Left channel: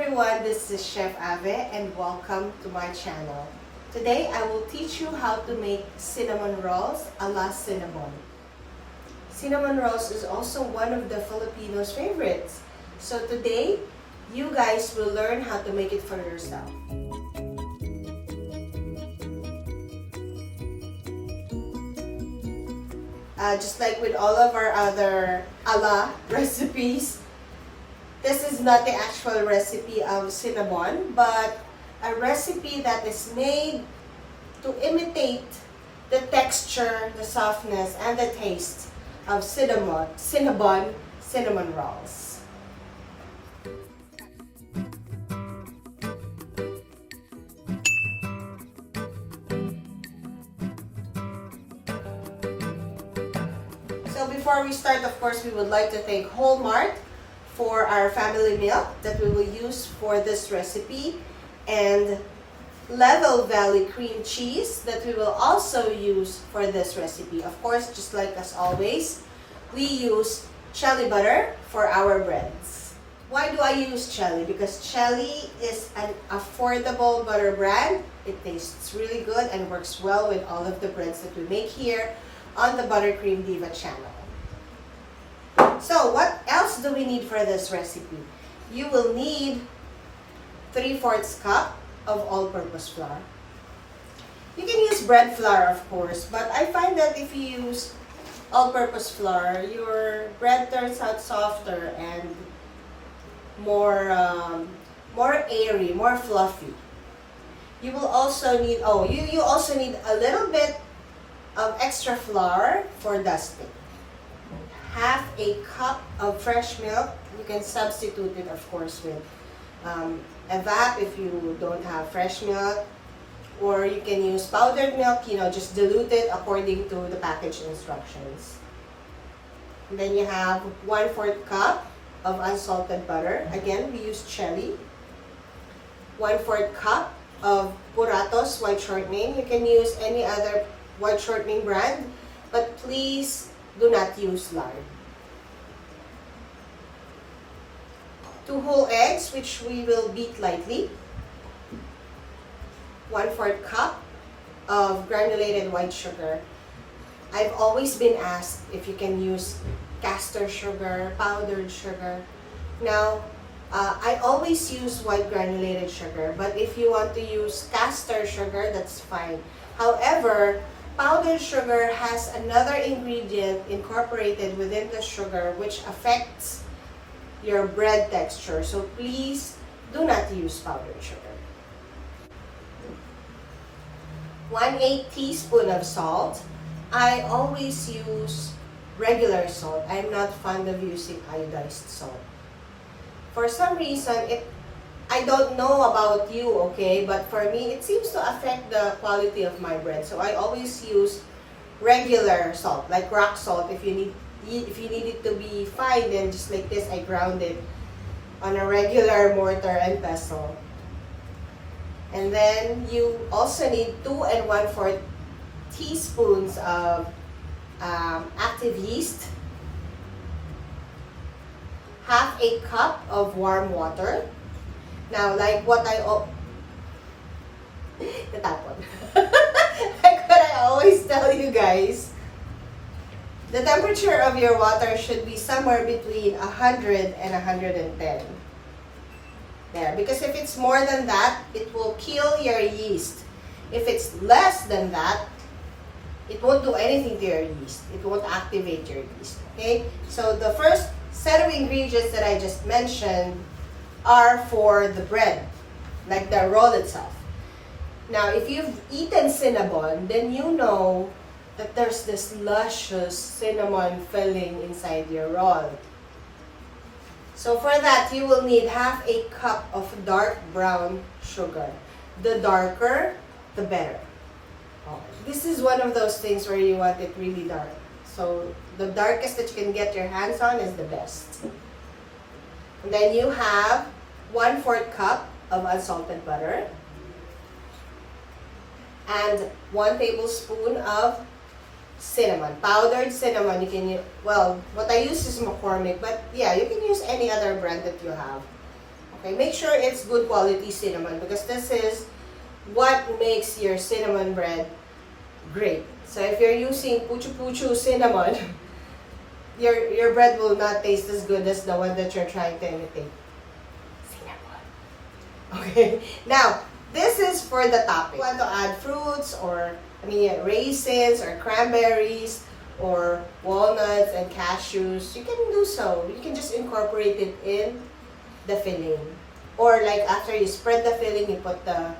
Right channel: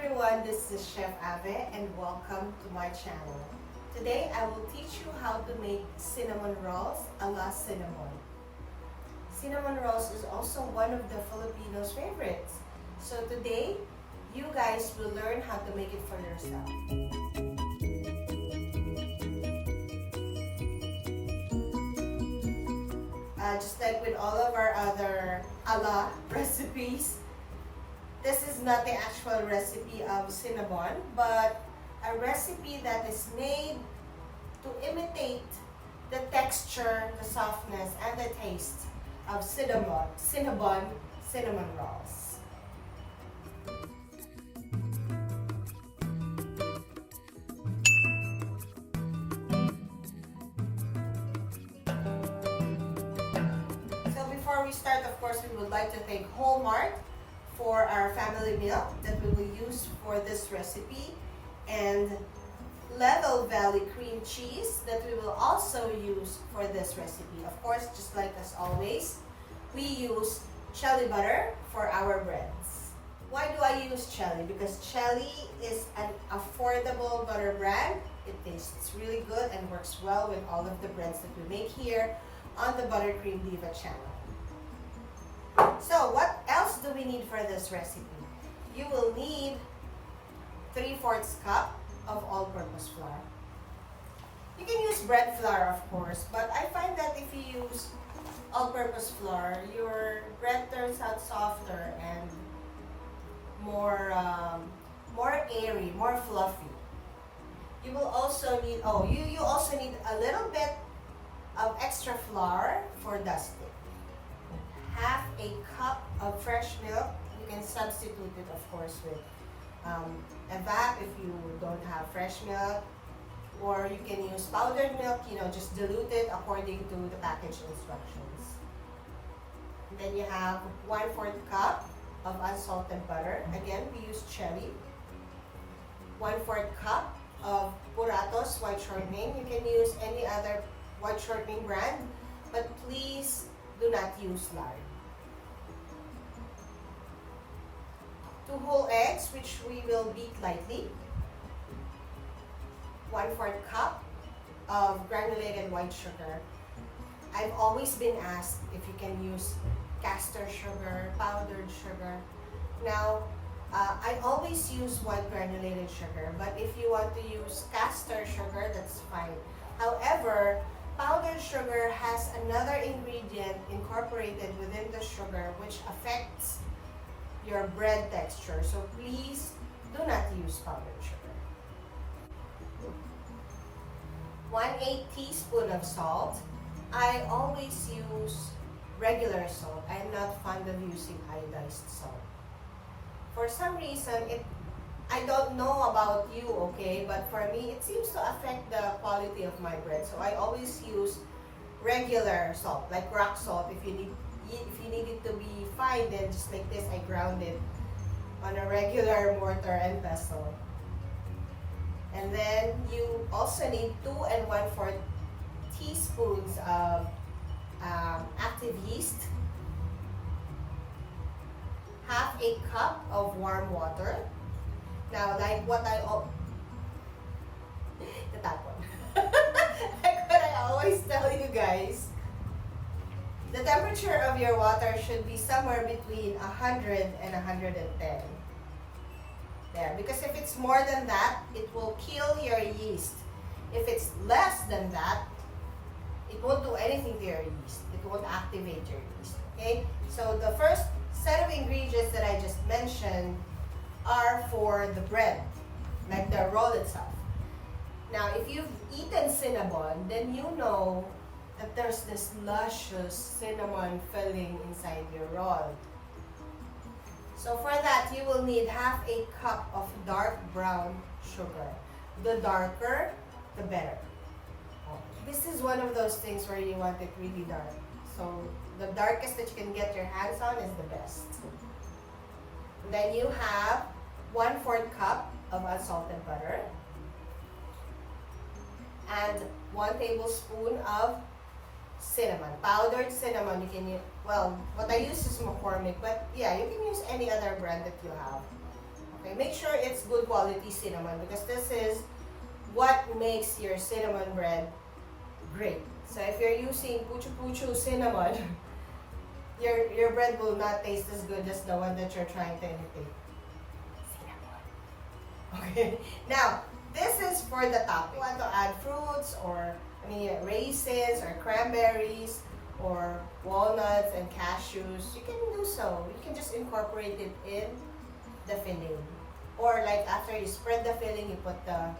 everyone, this is Chef Ave and welcome to my channel. Today I will teach you how to make cinnamon rolls a la Cinnabon. Cinnamon rolls is also one of the Filipinos' favorites. So today, you guys will learn how to make it for yourself. Just like with all of our other a la recipes, this is not the actual recipe of Cinnabon, but a recipe that is made to imitate the texture, the softness, and the taste of Cinnabon cinnamon rolls. So before we start, of course, we would like to thank Walmart for our family milk that we will use for this recipe, and Level Valley cream cheese that we will also use for this recipe. Of course, just like as always, we use Chelly butter for our breads. Why do I use Chelly? Because Chelly is an affordable butter brand. It tastes really good and works well with all of the breads that we make here on the Buttercream Diva channel. So what else do we need for this recipe? You will need 3/4 cup of all-purpose flour. You can use bread flour, of course, but I find that if you use all-purpose flour, your bread turns out softer and more airy, more fluffy. You will also need, you also need a little bit of extra flour for dusting. Half a cup of fresh milk. You can substitute it, of course, with evap if you don't have fresh milk, or you can use powdered milk, just dilute it according to the package instructions. And then you have 1/4 cup of unsalted butter. Again, we use Chelly. 1/4 cup of Puratos white shortening. You can use any other white shortening brand, but please do not use lard. 2 whole eggs, which we will beat lightly. 1/4 cup of granulated white sugar. I've always been asked if you can use caster sugar, powdered sugar. Now, I always use white granulated sugar, but if you want to use caster sugar, that's fine. However, powdered sugar has another ingredient incorporated within the sugar which affects your bread texture. So please do not use powdered sugar. 1/8 teaspoon of salt. I always use regular salt. I'm not fond of using iodized salt. For some reason, I don't know about you, okay, but for me, it seems to affect the quality of my bread. So I always use regular salt, like rock salt. If you need it to be fine, then just like this, I ground it on a regular mortar and pestle. And then you also need 2 1/4 teaspoons of active yeast, half a cup of warm water. Now, like what like what I always tell you guys, the temperature of your water should be somewhere between 100 and 110. There, because if it's more than that, it will kill your yeast. If it's less than that, it won't do anything to your yeast. It won't activate your yeast. Okay? So the first set of ingredients that I just mentioned are for the bread, like the roll itself. Now, if you've eaten Cinnabon, then you know that there's this luscious cinnamon filling inside your roll. So for that, you will need half a cup of dark brown sugar. The darker, the better. This is one of those things where you want it really dark. So the darkest that you can get your hands on is the best. And then you have 1/4 cup of unsalted butter and 1 tablespoon of cinnamon, powdered cinnamon. You can use, well, what I use is McCormick, but yeah, you can use any other brand that you have. Okay, make sure it's good quality cinnamon because this is what makes your cinnamon bread great. So if you're using puchu-puchu cinnamon, your bread will not taste as good as the one that you're trying to imitate. Cinnamon. Okay, now this is for the topping. If you want to add fruits or raisins or cranberries or walnuts and cashews, you can do so. You can just incorporate it in the filling. Or like after you spread the filling, you put the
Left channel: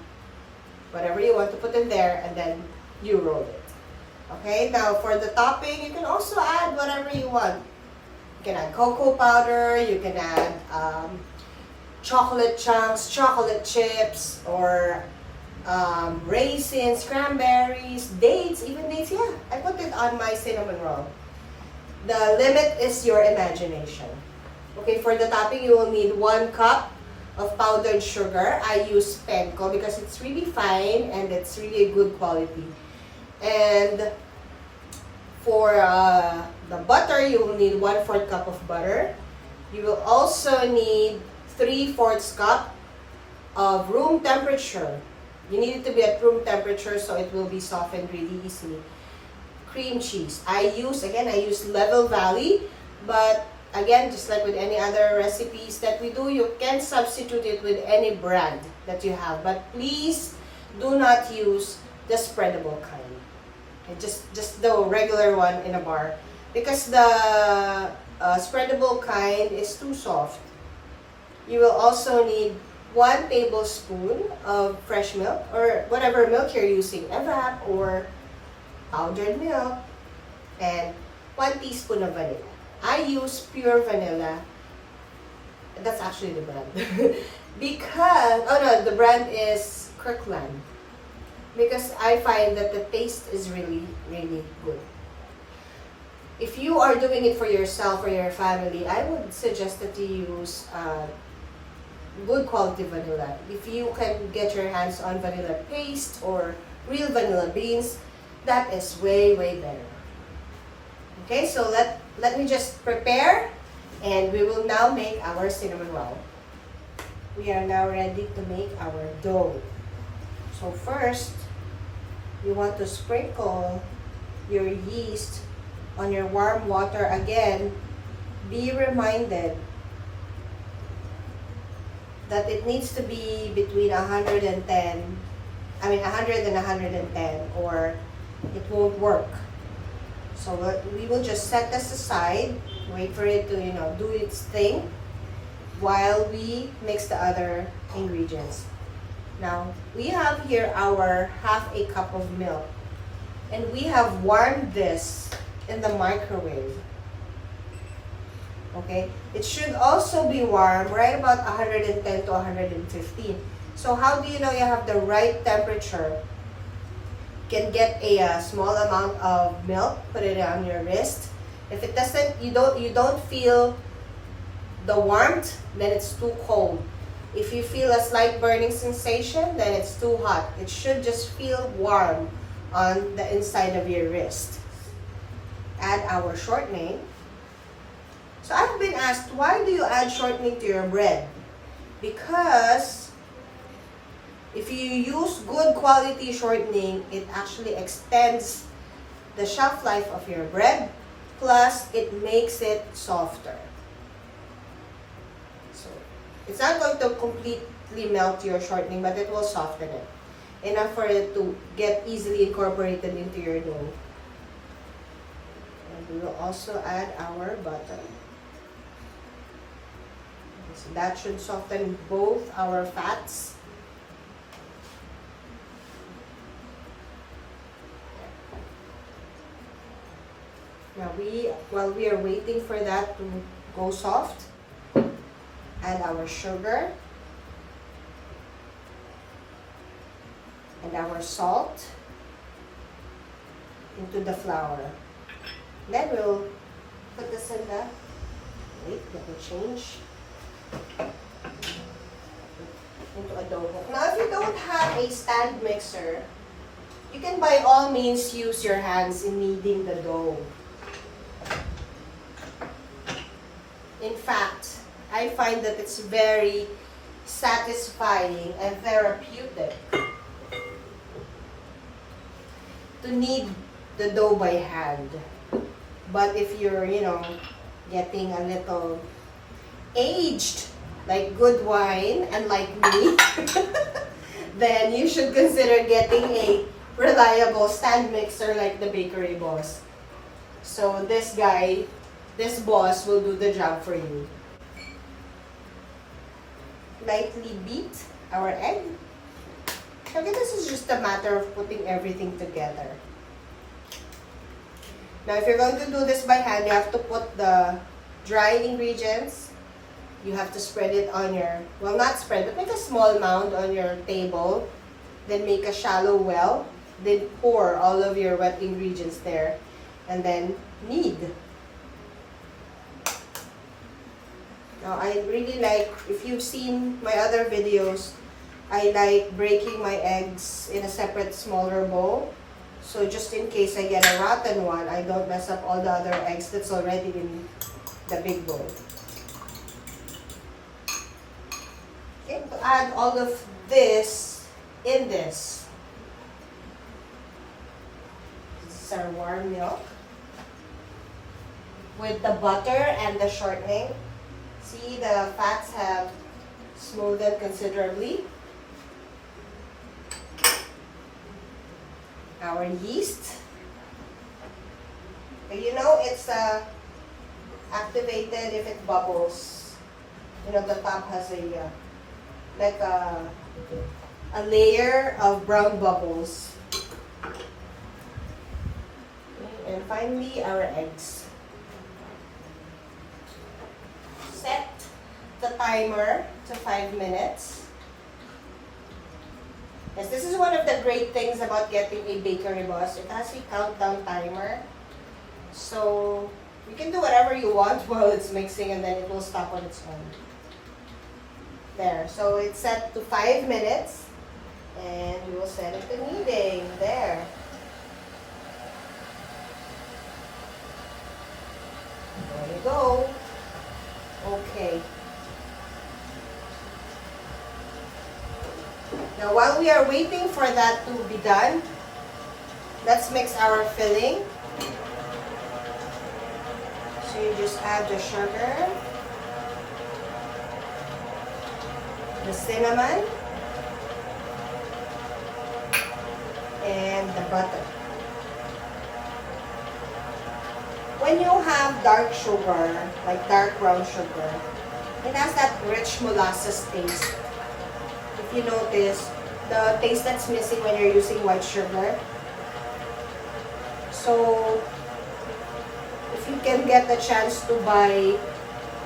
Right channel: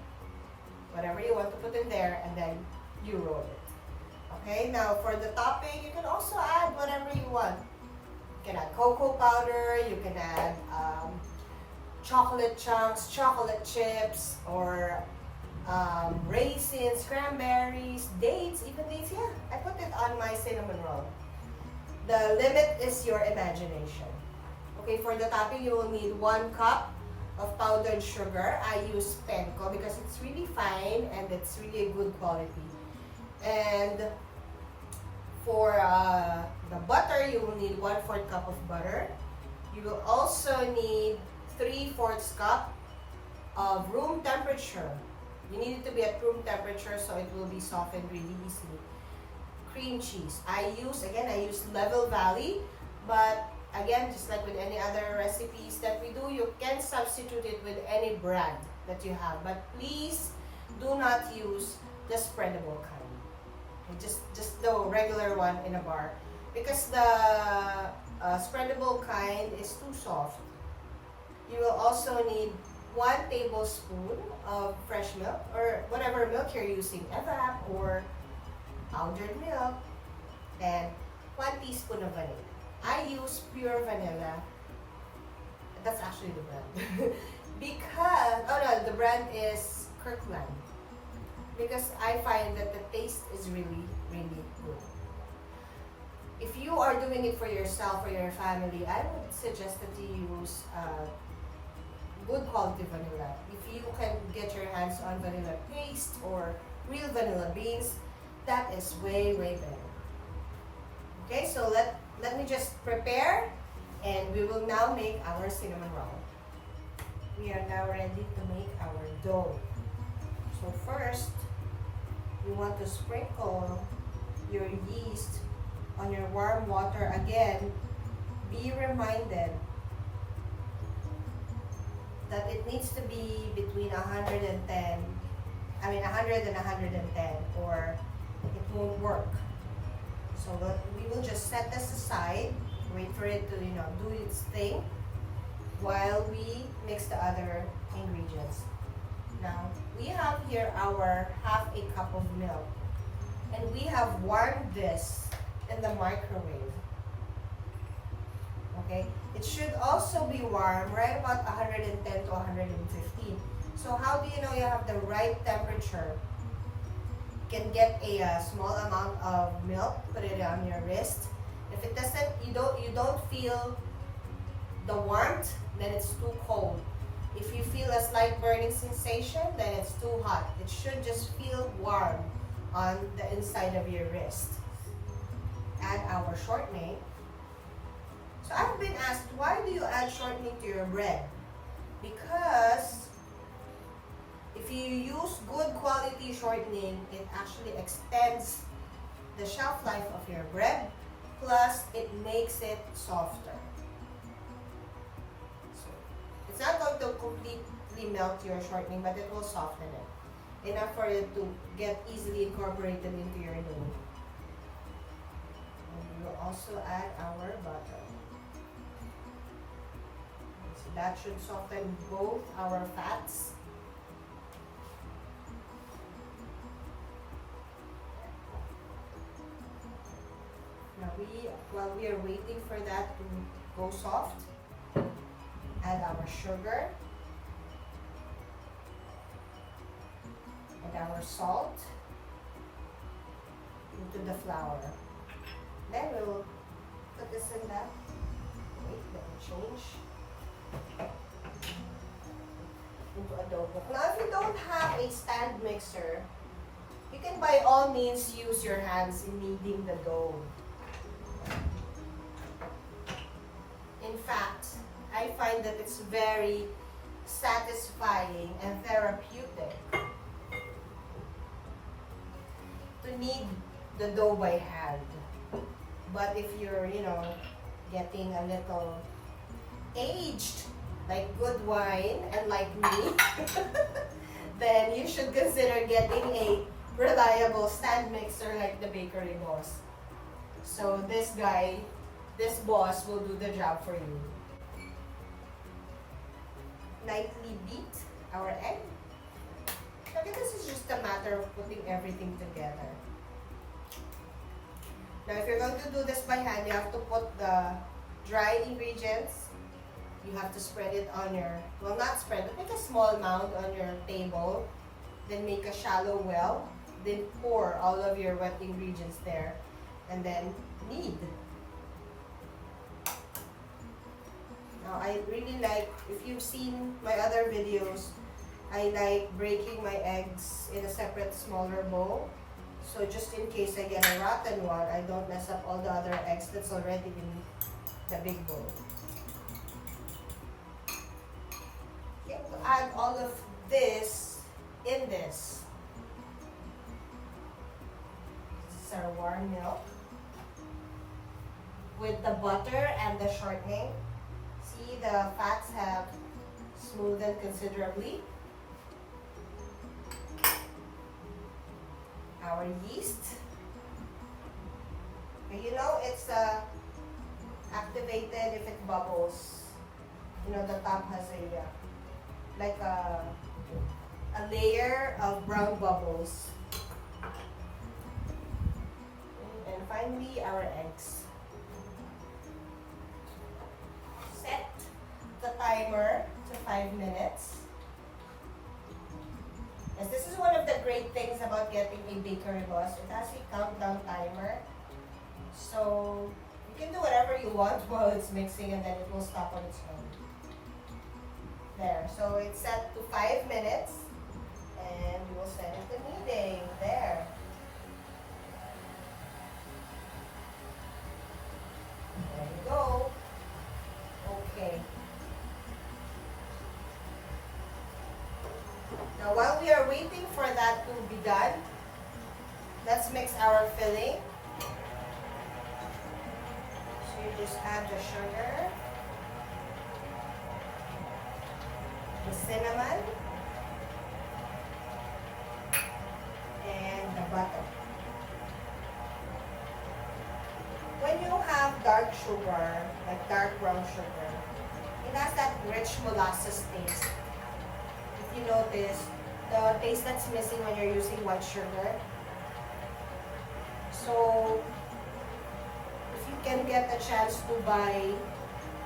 whatever you want to put in there and then you roll it. Okay, now for the topping, you can also add whatever you want. You can add cocoa powder, you can add chocolate chunks, chocolate chips, or raisins, cranberries, dates, even dates. Yeah, I put it on my cinnamon roll. The limit is your imagination. Okay, for the topping, you will need 1 cup of powdered sugar. I use penco because it's really fine and it's really a good quality. And for the butter, you will need 1/4 cup of butter. You will also need 3/4 cup of room temperature. You need it to be at room temperature so it will be softened really easily. Cream cheese. I use Level Valley, but again, just like with any other recipes that we do, you can substitute it with any brand that you have. But please do not use the spreadable kind. Okay, just the regular one in a bar. Because the spreadable kind is too soft. You will also need 1 tablespoon of fresh milk or whatever milk you're using, evap or powdered milk, and 1 teaspoon of vanilla. I use pure vanilla. That's actually the brand. Because, the brand is Kirkland. Because I find that the taste is really, really good. If you are doing it for yourself or your family, I would suggest that you use good quality vanilla. If you can get your hands on vanilla paste or real vanilla beans, that is way, way better. Okay, so let me just prepare and we will now make our cinnamon roll. We are now ready to make our dough. So first, you want to sprinkle your yeast on your warm water. Again, be reminded that it needs to be between 100 and 110 or it won't work. So we will just set this aside, wait for it to do its thing while we mix the other ingredients. Now, we have here our 1/2 cup of milk and we have warmed this in the microwave. Okay, it should also be warm right about 110 to 115. So how do you know you have the right temperature? You can get a small amount of milk, put it on your wrist. If it doesn't, you don't feel the warmth, then it's too cold. If you feel a slight burning sensation, then it's too hot. It should just feel warm on the inside of your wrist. Add our shortening. So I've been asked, why do you add shortening to your bread? Because if you use good quality shortening, it actually extends the shelf life of your bread, plus it makes it softer. So it's not going to completely melt your shortening, but it will soften it enough for it to get easily incorporated into your dough. And we will also add our butter. So that should soften both our fats. Now while we are waiting for that to go soft, add our sugar and our salt into the flour. Then we'll put this in the, wait, let me change, into a dough. Now if you don't have a stand mixer, you can by all means use your hands in kneading the dough. In fact, I find that it's very satisfying and therapeutic to knead the dough by hand. But if you're, getting a little aged, like good wine and like me, then you should consider getting a reliable stand mixer like the Bakery Boss. So this boss will do the job for you. Lightly beat our egg. Okay, this is just a matter of putting everything together. Now, if you're going to do this by hand, you have to put the dry ingredients. You have to spread it on your, well, not spread, but make a small mound on your table. Then make a shallow well. Then pour all of your wet ingredients there. And then knead. Now, I really like, if you've seen my other videos, I like breaking my eggs in a separate smaller bowl. So just in case I get a rotten one, I don't mess up all the other eggs that's already in the big bowl. Okay, to add all of this in this. This is our warm milk with the butter and the shortening. See, the fats have smoothened considerably. Our yeast. It's activated if it bubbles. The top has a layer of brown bubbles. Okay, and finally, our eggs. Set the timer to 5 minutes. Yes, this is one of the great things about getting a Bakery Boss. It has a countdown timer. So you can do whatever you want while it's mixing and then it will stop on its own. There. So it's set to 5 minutes and we will set it to kneading. There. There you go. Okay. Now, while we are waiting for that to be done, let's mix our filling. So you just add the sugar, the cinnamon, and the butter. When you have dark sugar, like dark brown sugar, it has that rich molasses taste. If you notice, the taste that's missing when you're using white sugar. So, if you can get the chance to buy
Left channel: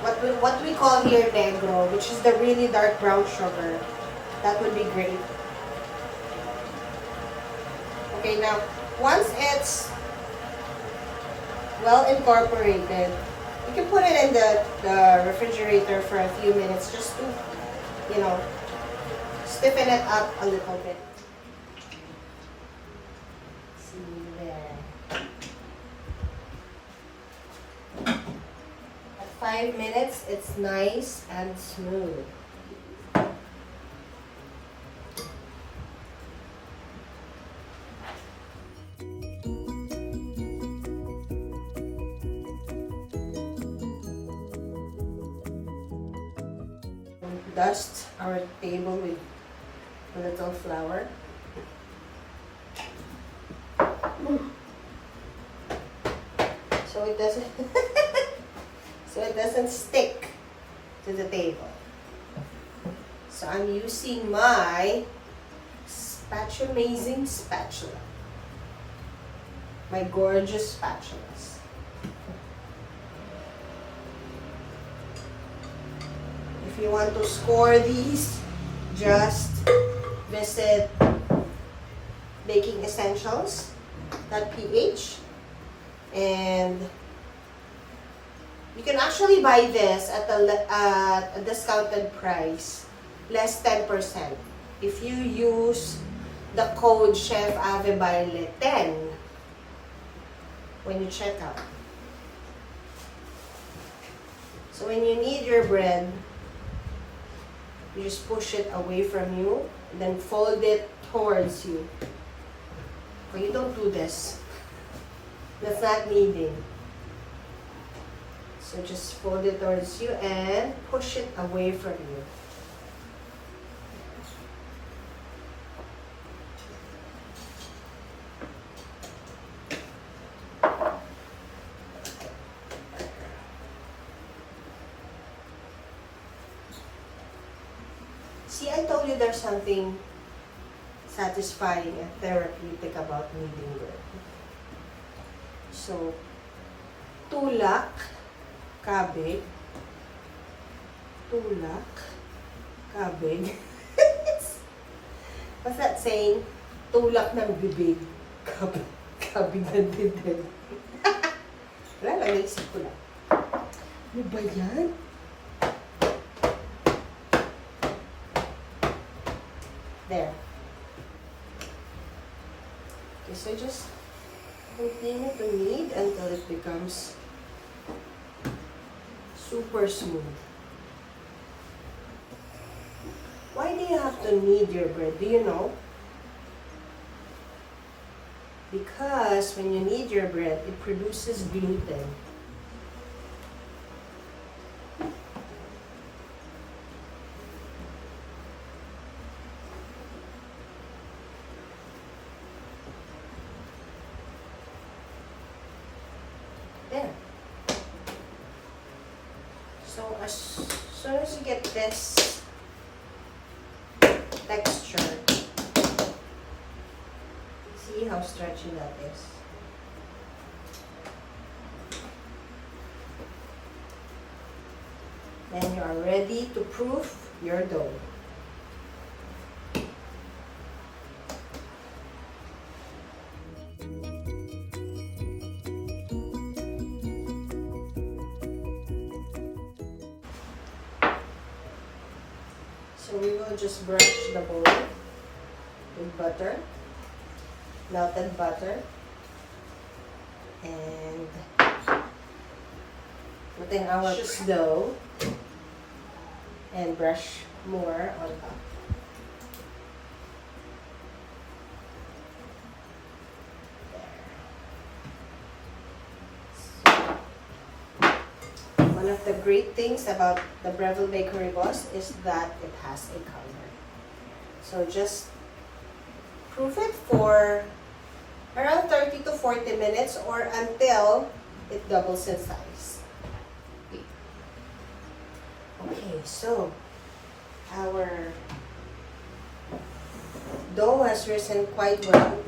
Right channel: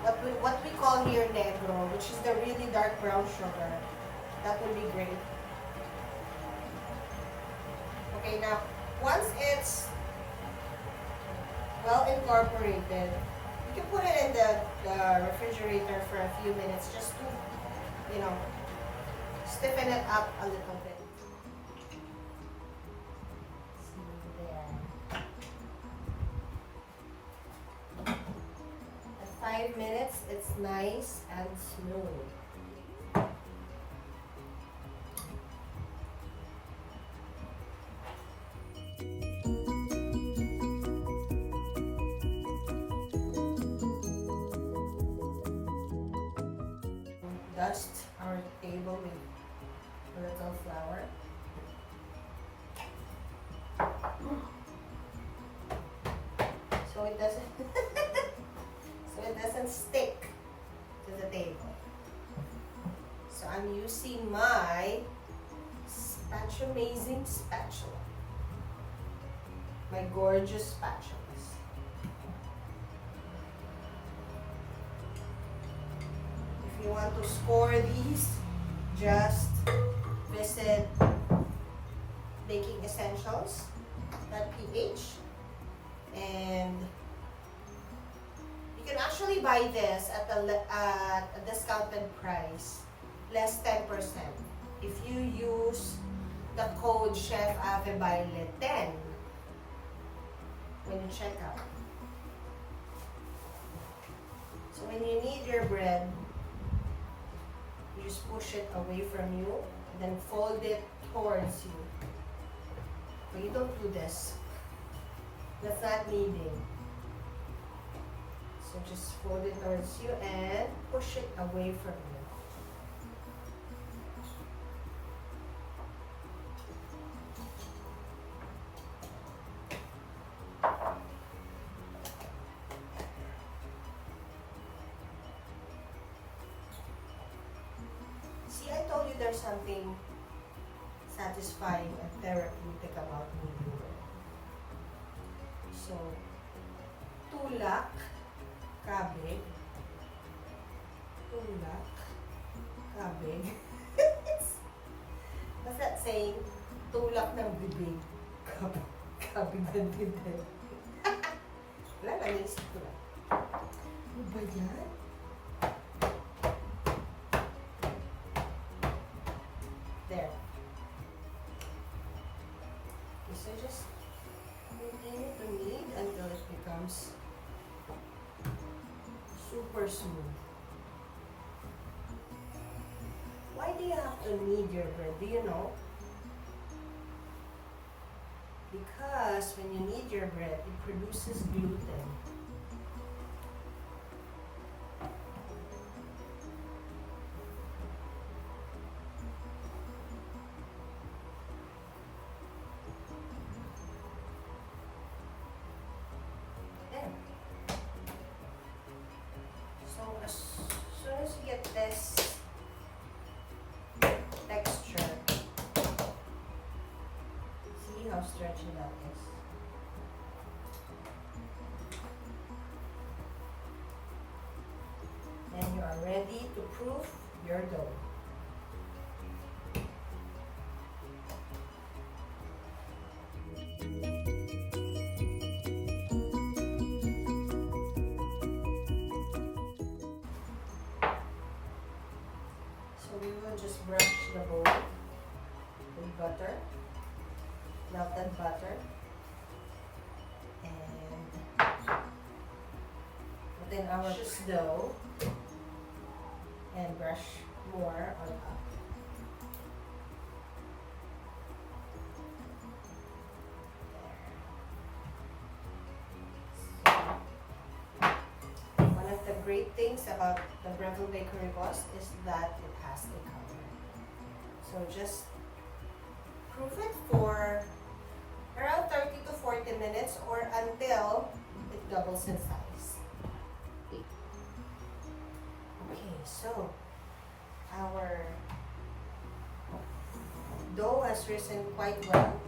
what we call here negro, which is the really dark brown sugar, that would be great. Okay, now, once it's well incorporated, you can put it in the refrigerator for a few minutes just to, stiffen it up a little bit. See there. At 5 minutes, it's nice and smooth. Dust our table with a little flour. So it doesn't stick to the table. So I'm using my amazing spatula. My gorgeous spatulas. If you want to score these, just visit Baking Essentials.ph and you can actually buy this at a discounted price, less 10%, if you use the code Chef Ave Baile 10 when you check out. So when you need your bread, You just push it away from you, and then fold it towards you. But you don't do this. That's not kneading. So just fold it towards you and push it away from you. See, I told you there's something satisfying and therapeutic about kneading bread. So, tulak, kabig, tulak, kabig. What's that saying? Tulak ng bibig, kabig, kabig ng dibdib. Wala lang, naisip ko lang. Ano ba yan? There. Okay, so just continue to knead until it becomes super smooth. Why do you have to knead your bread? Do you know? Because when you knead your bread, it produces gluten. There. So as soon as you get this texture, see how stretchy that is. Then you are ready to proof your dough. So we will just brush the bowl with butter, melted butter, and put in our dough and brush more on top. One of the great things about the Breville Bakery Boss is that it has a cover. So just proof it for around 30 to 40 minutes or until it doubles in size. Okay, so our dough has risen quite well.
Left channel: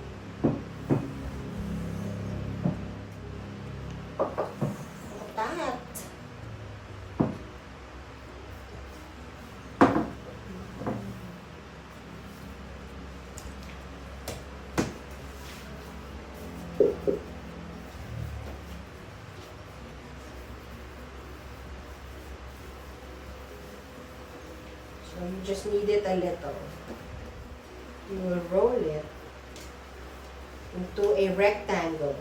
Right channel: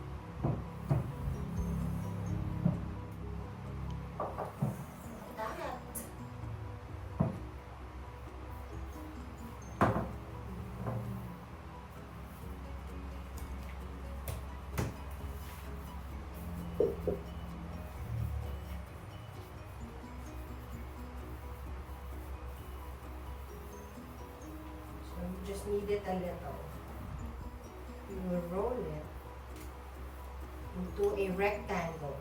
So you just knead it a little. You will roll it into a rectangle.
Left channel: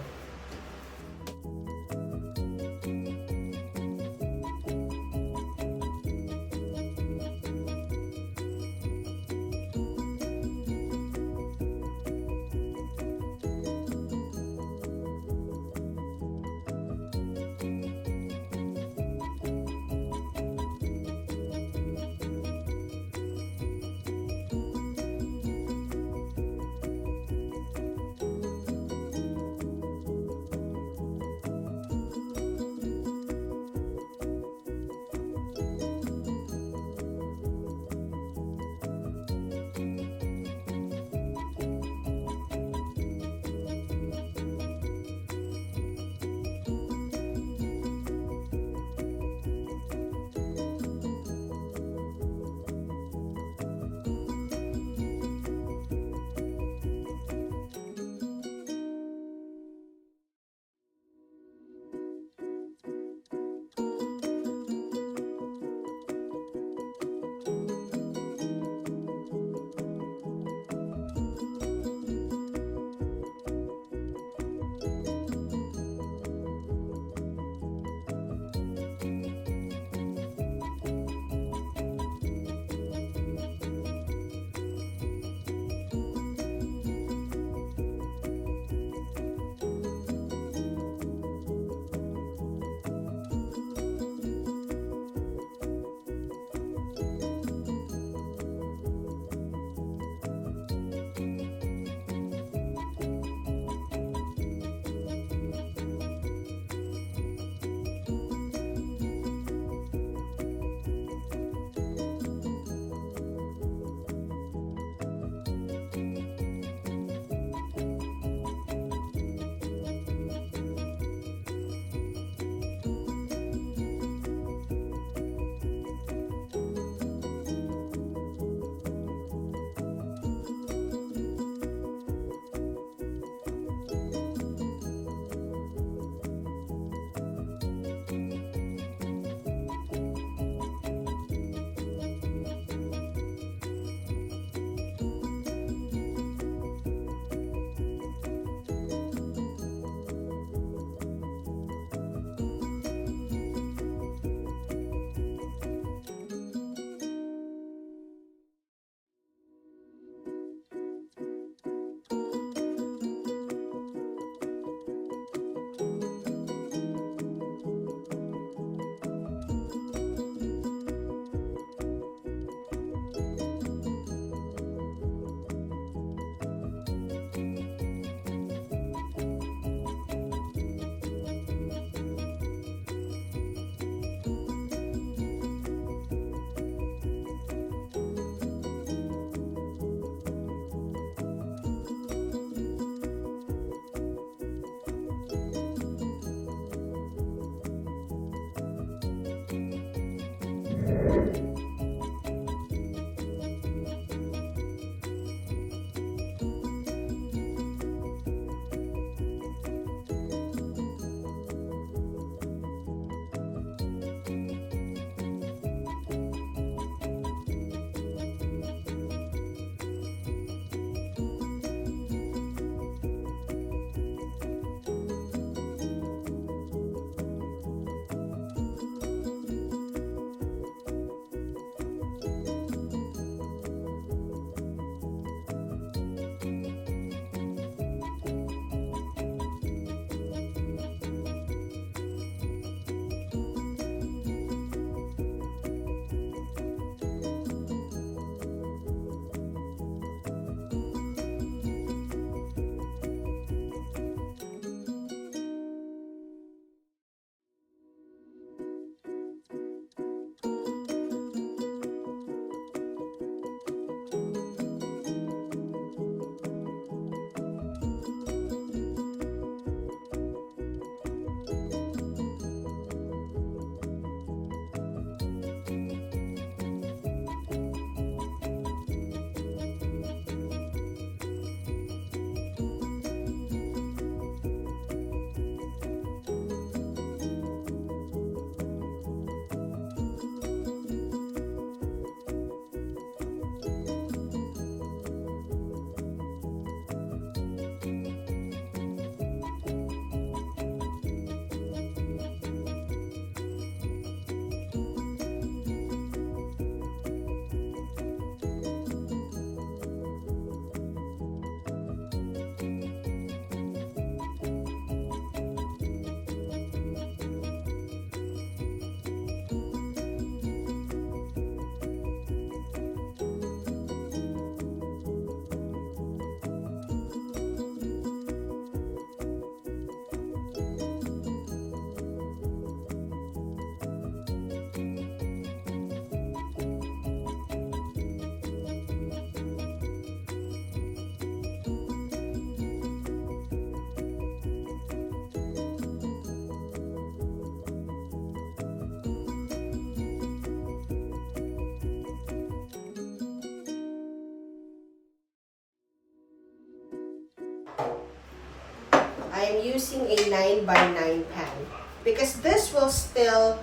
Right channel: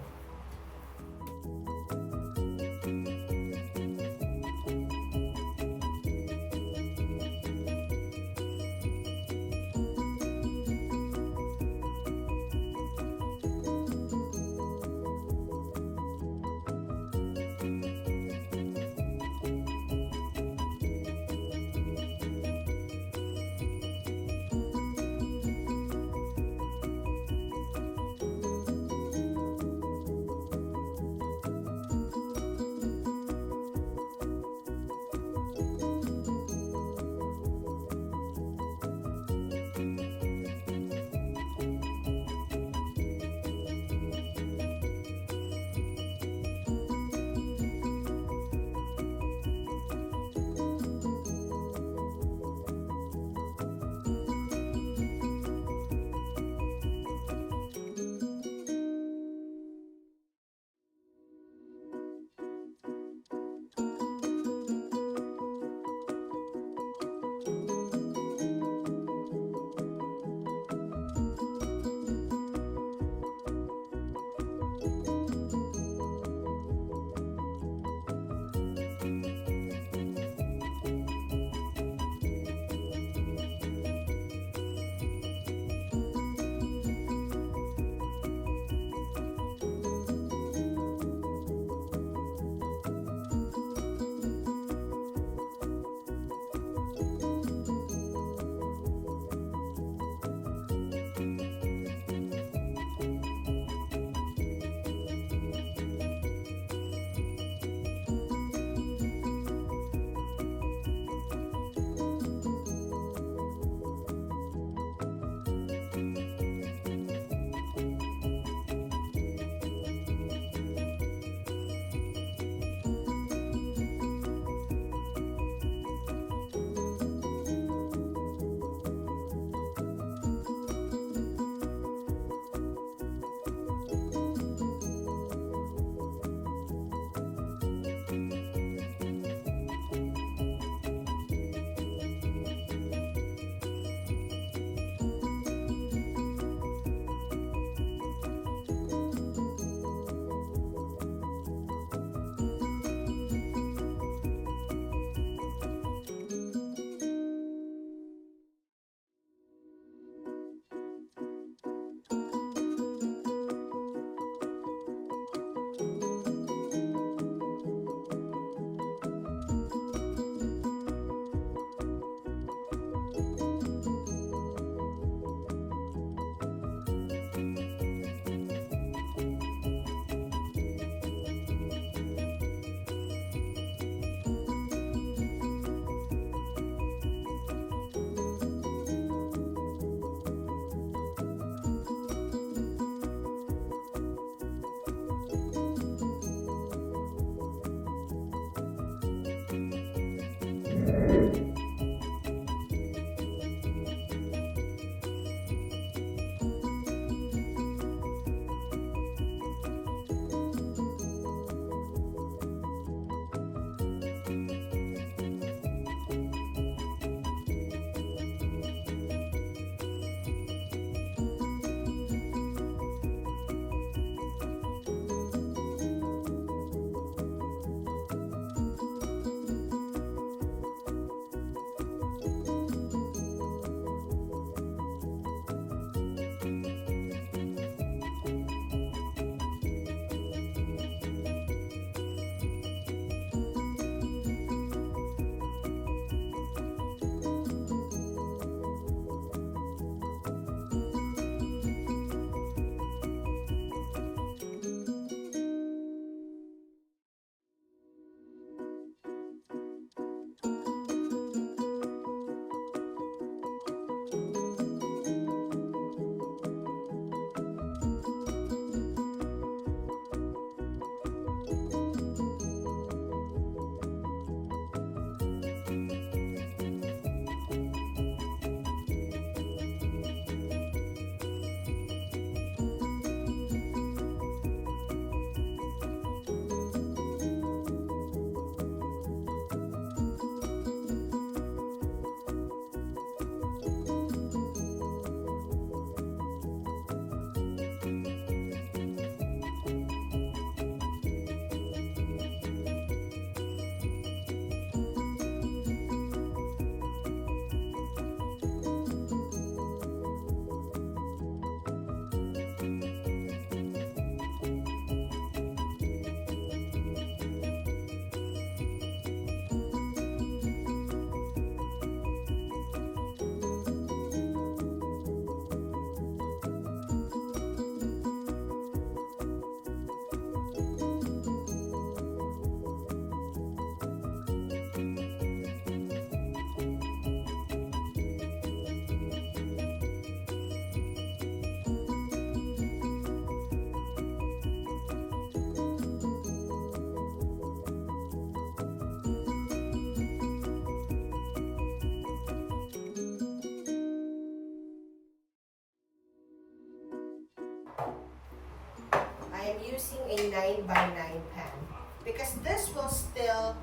I'm using a 9x9 pan because this will still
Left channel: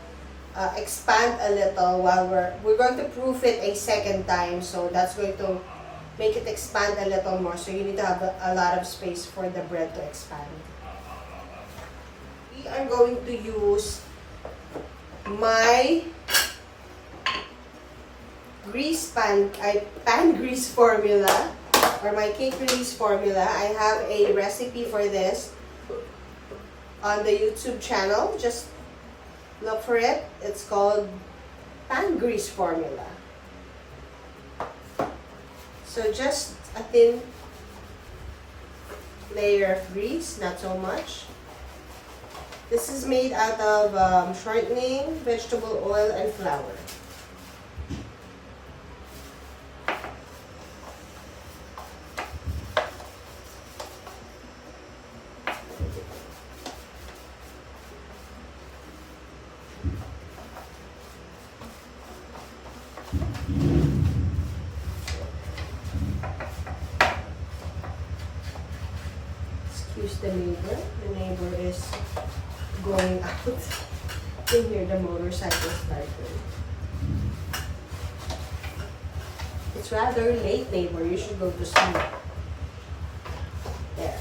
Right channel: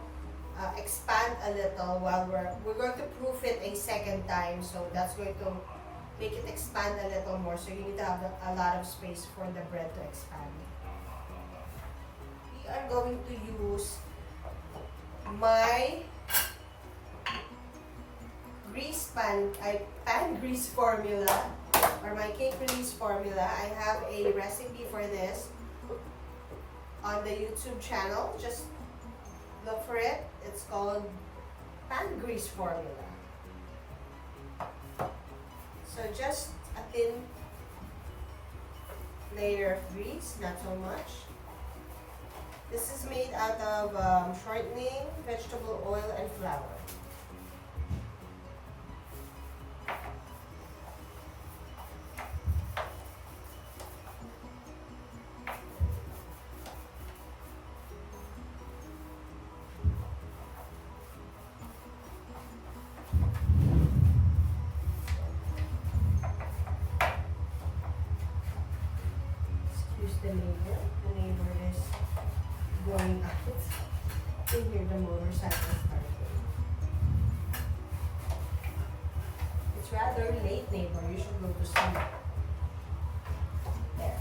expand a little while we're going to proof it a second time, so that's going to make it expand a little more, so you need to have a lot of space for the bread to expand. We are going to use my pan grease formula, or my cake release formula. I have a recipe for this on the YouTube channel. Just look for it. It's called pan grease formula. So just a thin layer of grease, not so much. This is made out of shortening, vegetable oil, and flour. Excuse the neighbor. The neighbor is going out. You can hear the motorcycle starting. It's rather late, neighbor. You should go to sleep. There.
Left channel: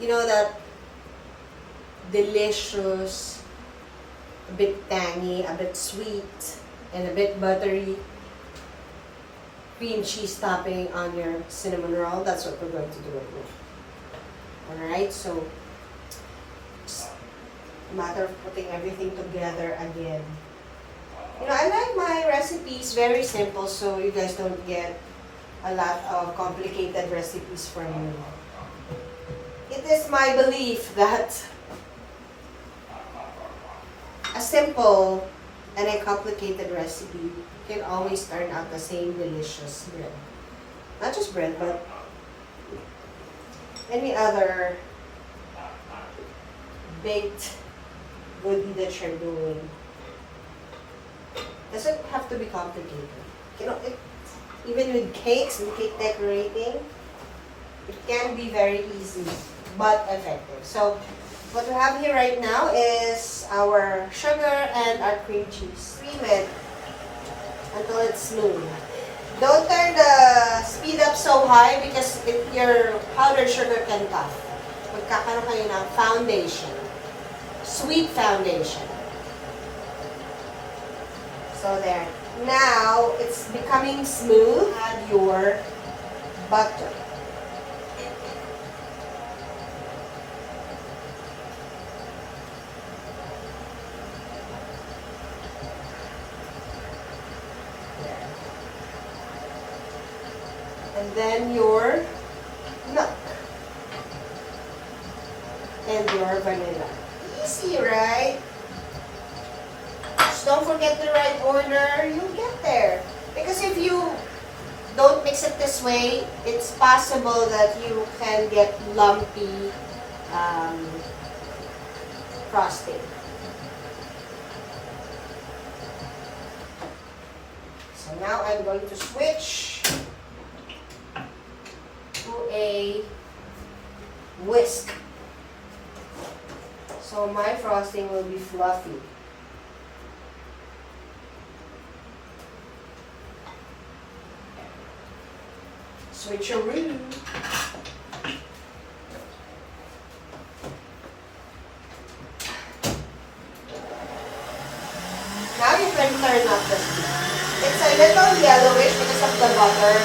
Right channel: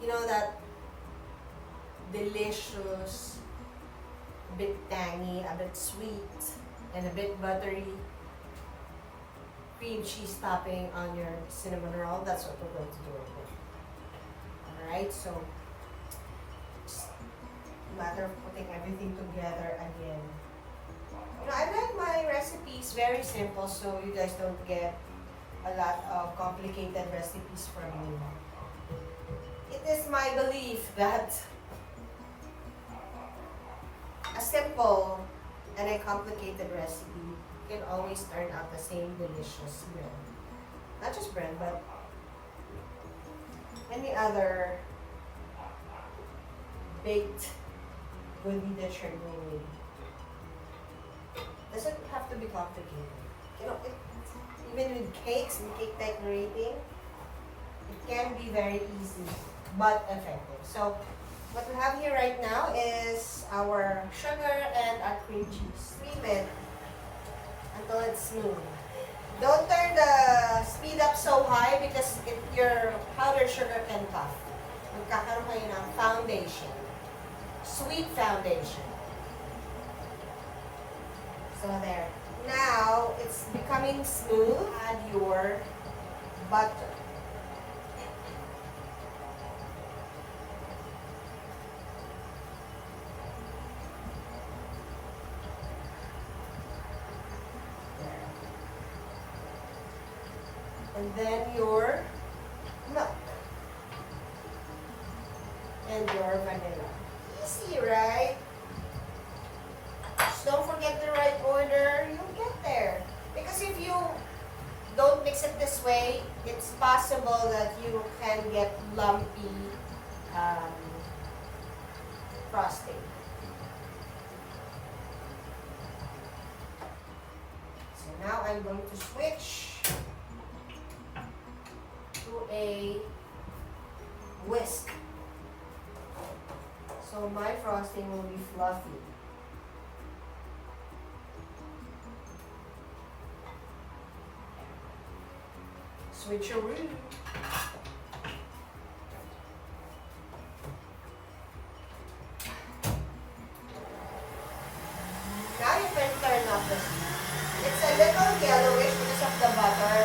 You know that delicious, a bit tangy, a bit sweet, and a bit buttery cream cheese topping on your cinnamon roll? That's what we're going to do right now. Alright, so just a matter of putting everything together again. You know, I like my recipes very simple, so you guys don't get a lot of complicated recipes from me. It is my belief that a simple and a complicated recipe can always turn out the same delicious bread. Not just bread, but any other baked goodie that you're doing. Doesn't have to be complicated. You know, even with cakes and cake decorating, it can be very easy but effective. So what we have here right now is our sugar and our cream cheese. Steam it until it's smooth. Don't turn the speed up so high because your powdered sugar can magkakaroon kayo ng foundation. Sweet foundation. So there. Now, it's becoming smooth. Add your butter. And then your milk. And your vanilla. Easy, right? Just don't forget the right order. You'll get there. Because if you don't mix it this way, it's possible that you can get lumpy frosting. So now I'm going to switch to a whisk. So my frosting will be fluffy. Switcheroo. Now you can turn up the heat. It's a little yellowish because of the butter.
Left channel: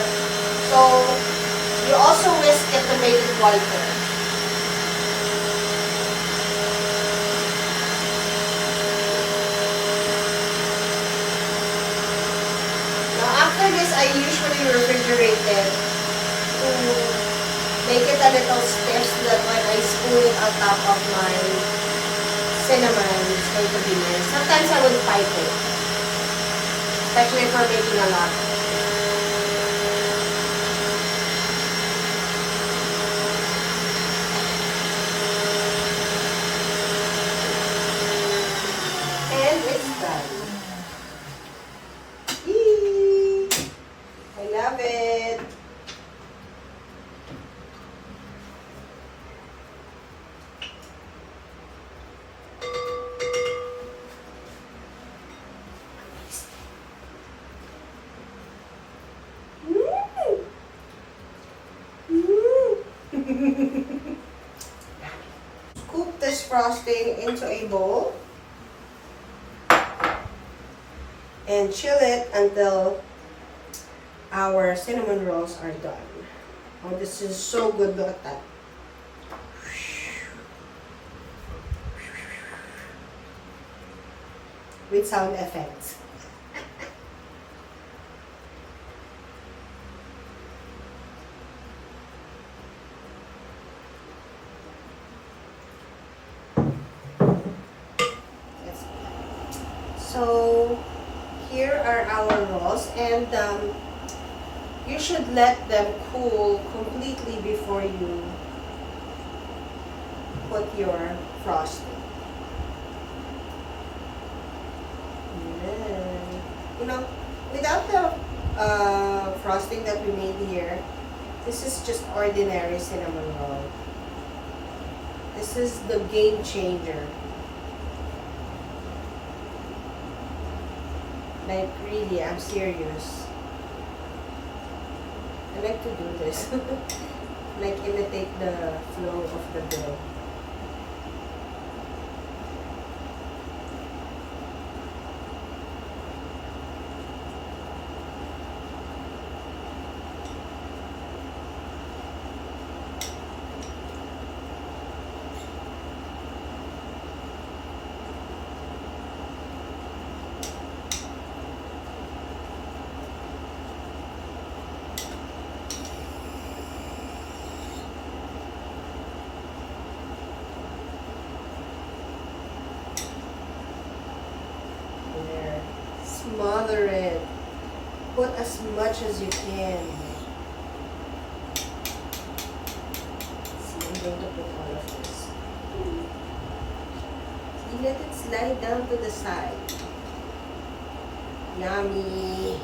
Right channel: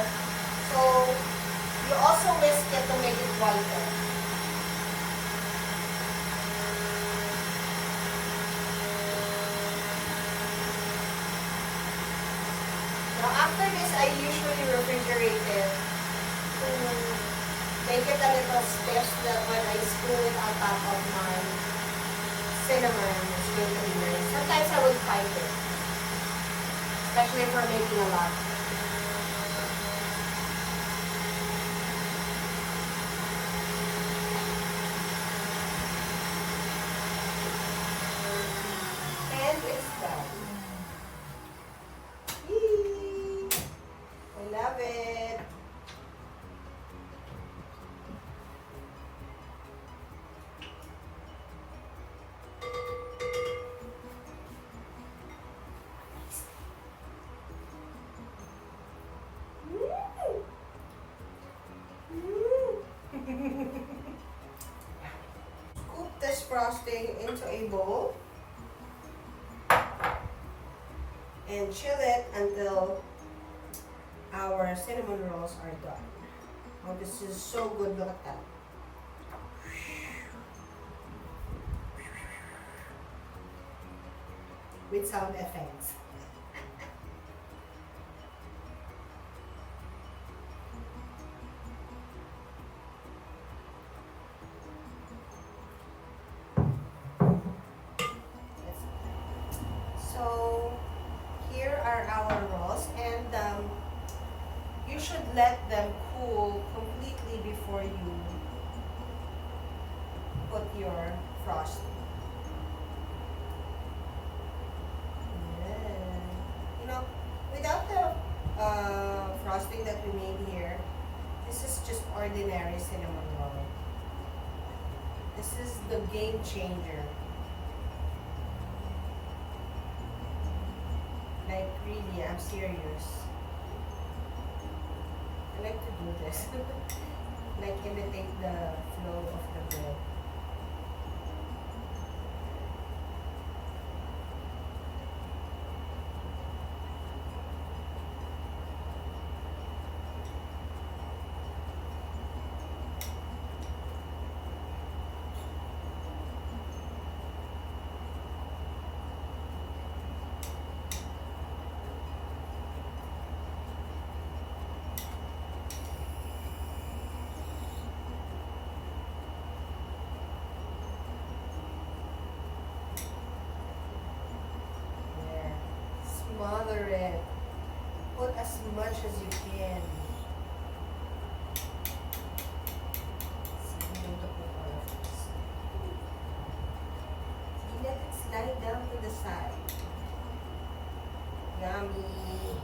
So you also whisk it to make it whiter. After this, I usually refrigerate it to make it a little stiff so that when I spoon it on top of my cinnamon, it's going to be nice. Sometimes I would pipe it, especially for making a lot. And it's done. Love it. Scoop this frosting into a bowl and chill it until our cinnamon rolls are done. Oh, this is so good. Look at that. With sound effects. So here are our rolls, and you should let them cool completely before you put your frosting. You know, without the frosting that we made here, this is just ordinary cinnamon roll. This is the game changer. Like really, I'm serious. I like to do this. Like imitate the flow of the bread. Smother it. Put as much as you can. See, I'm going to put all of this. See, let it slide down to the side. Yummy.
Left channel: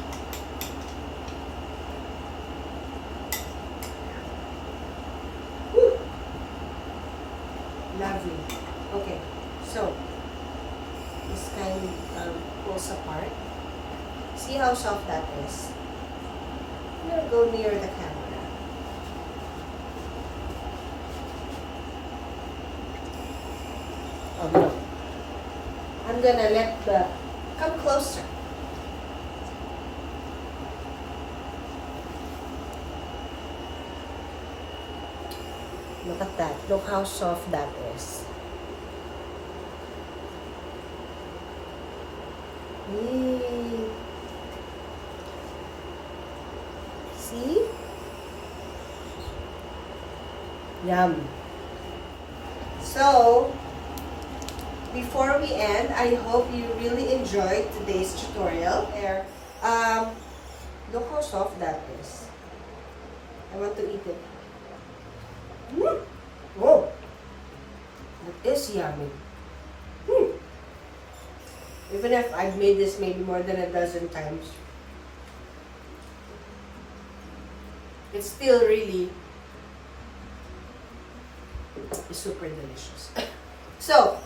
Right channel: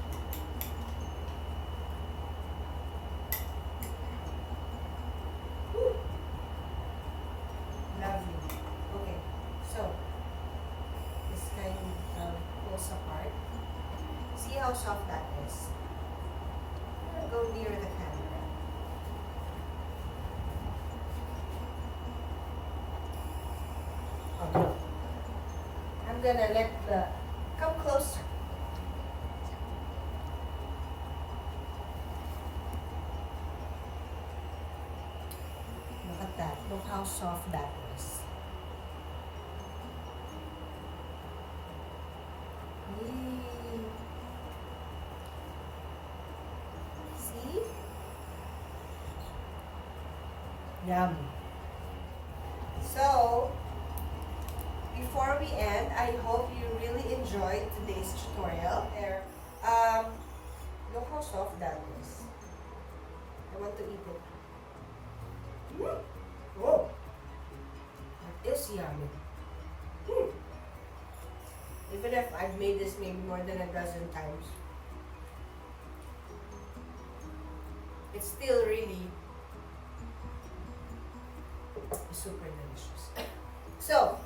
Woo. Lovely. Okay, so this kind of pulls apart. See how soft that is? I'm going to go near the camera. Oh no. I'm gonna let the, come closer. Look at that. Look how soft that is. See? Yum. So, before we end, I hope you really enjoyed today's tutorial. There. Look how soft that is. I want to eat it. Whoa! That is yummy. Even if I've made this maybe more than a dozen times, it's still really super delicious. So,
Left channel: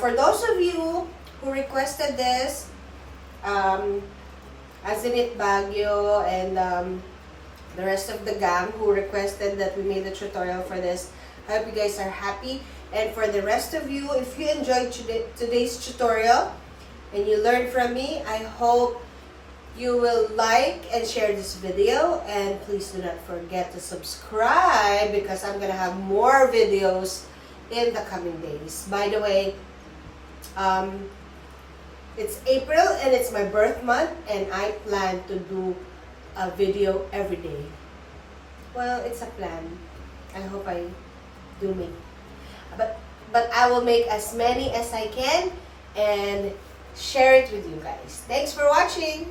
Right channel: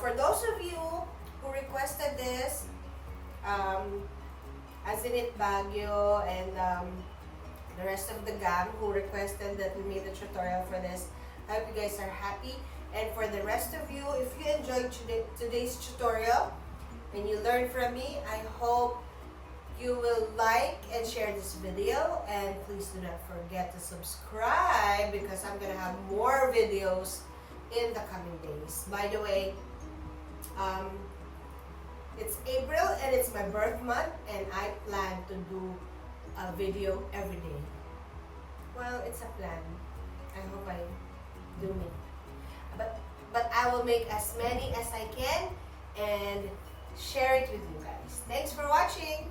for those of you who requested this, as in it Baguio and the rest of the gang who requested that we made a tutorial for this, I hope you guys are happy. And for the rest of you, if you enjoyed today's tutorial and you learned from me, I hope you will like and share this video. And please do not forget to subscribe because I'm going to have more videos in the coming days. By the way, it's April and it's my birth month and I plan to do a video every day. Well, it's a plan. I hope I do make it. But I will make as many as I can and share it with you guys. Thanks for watching.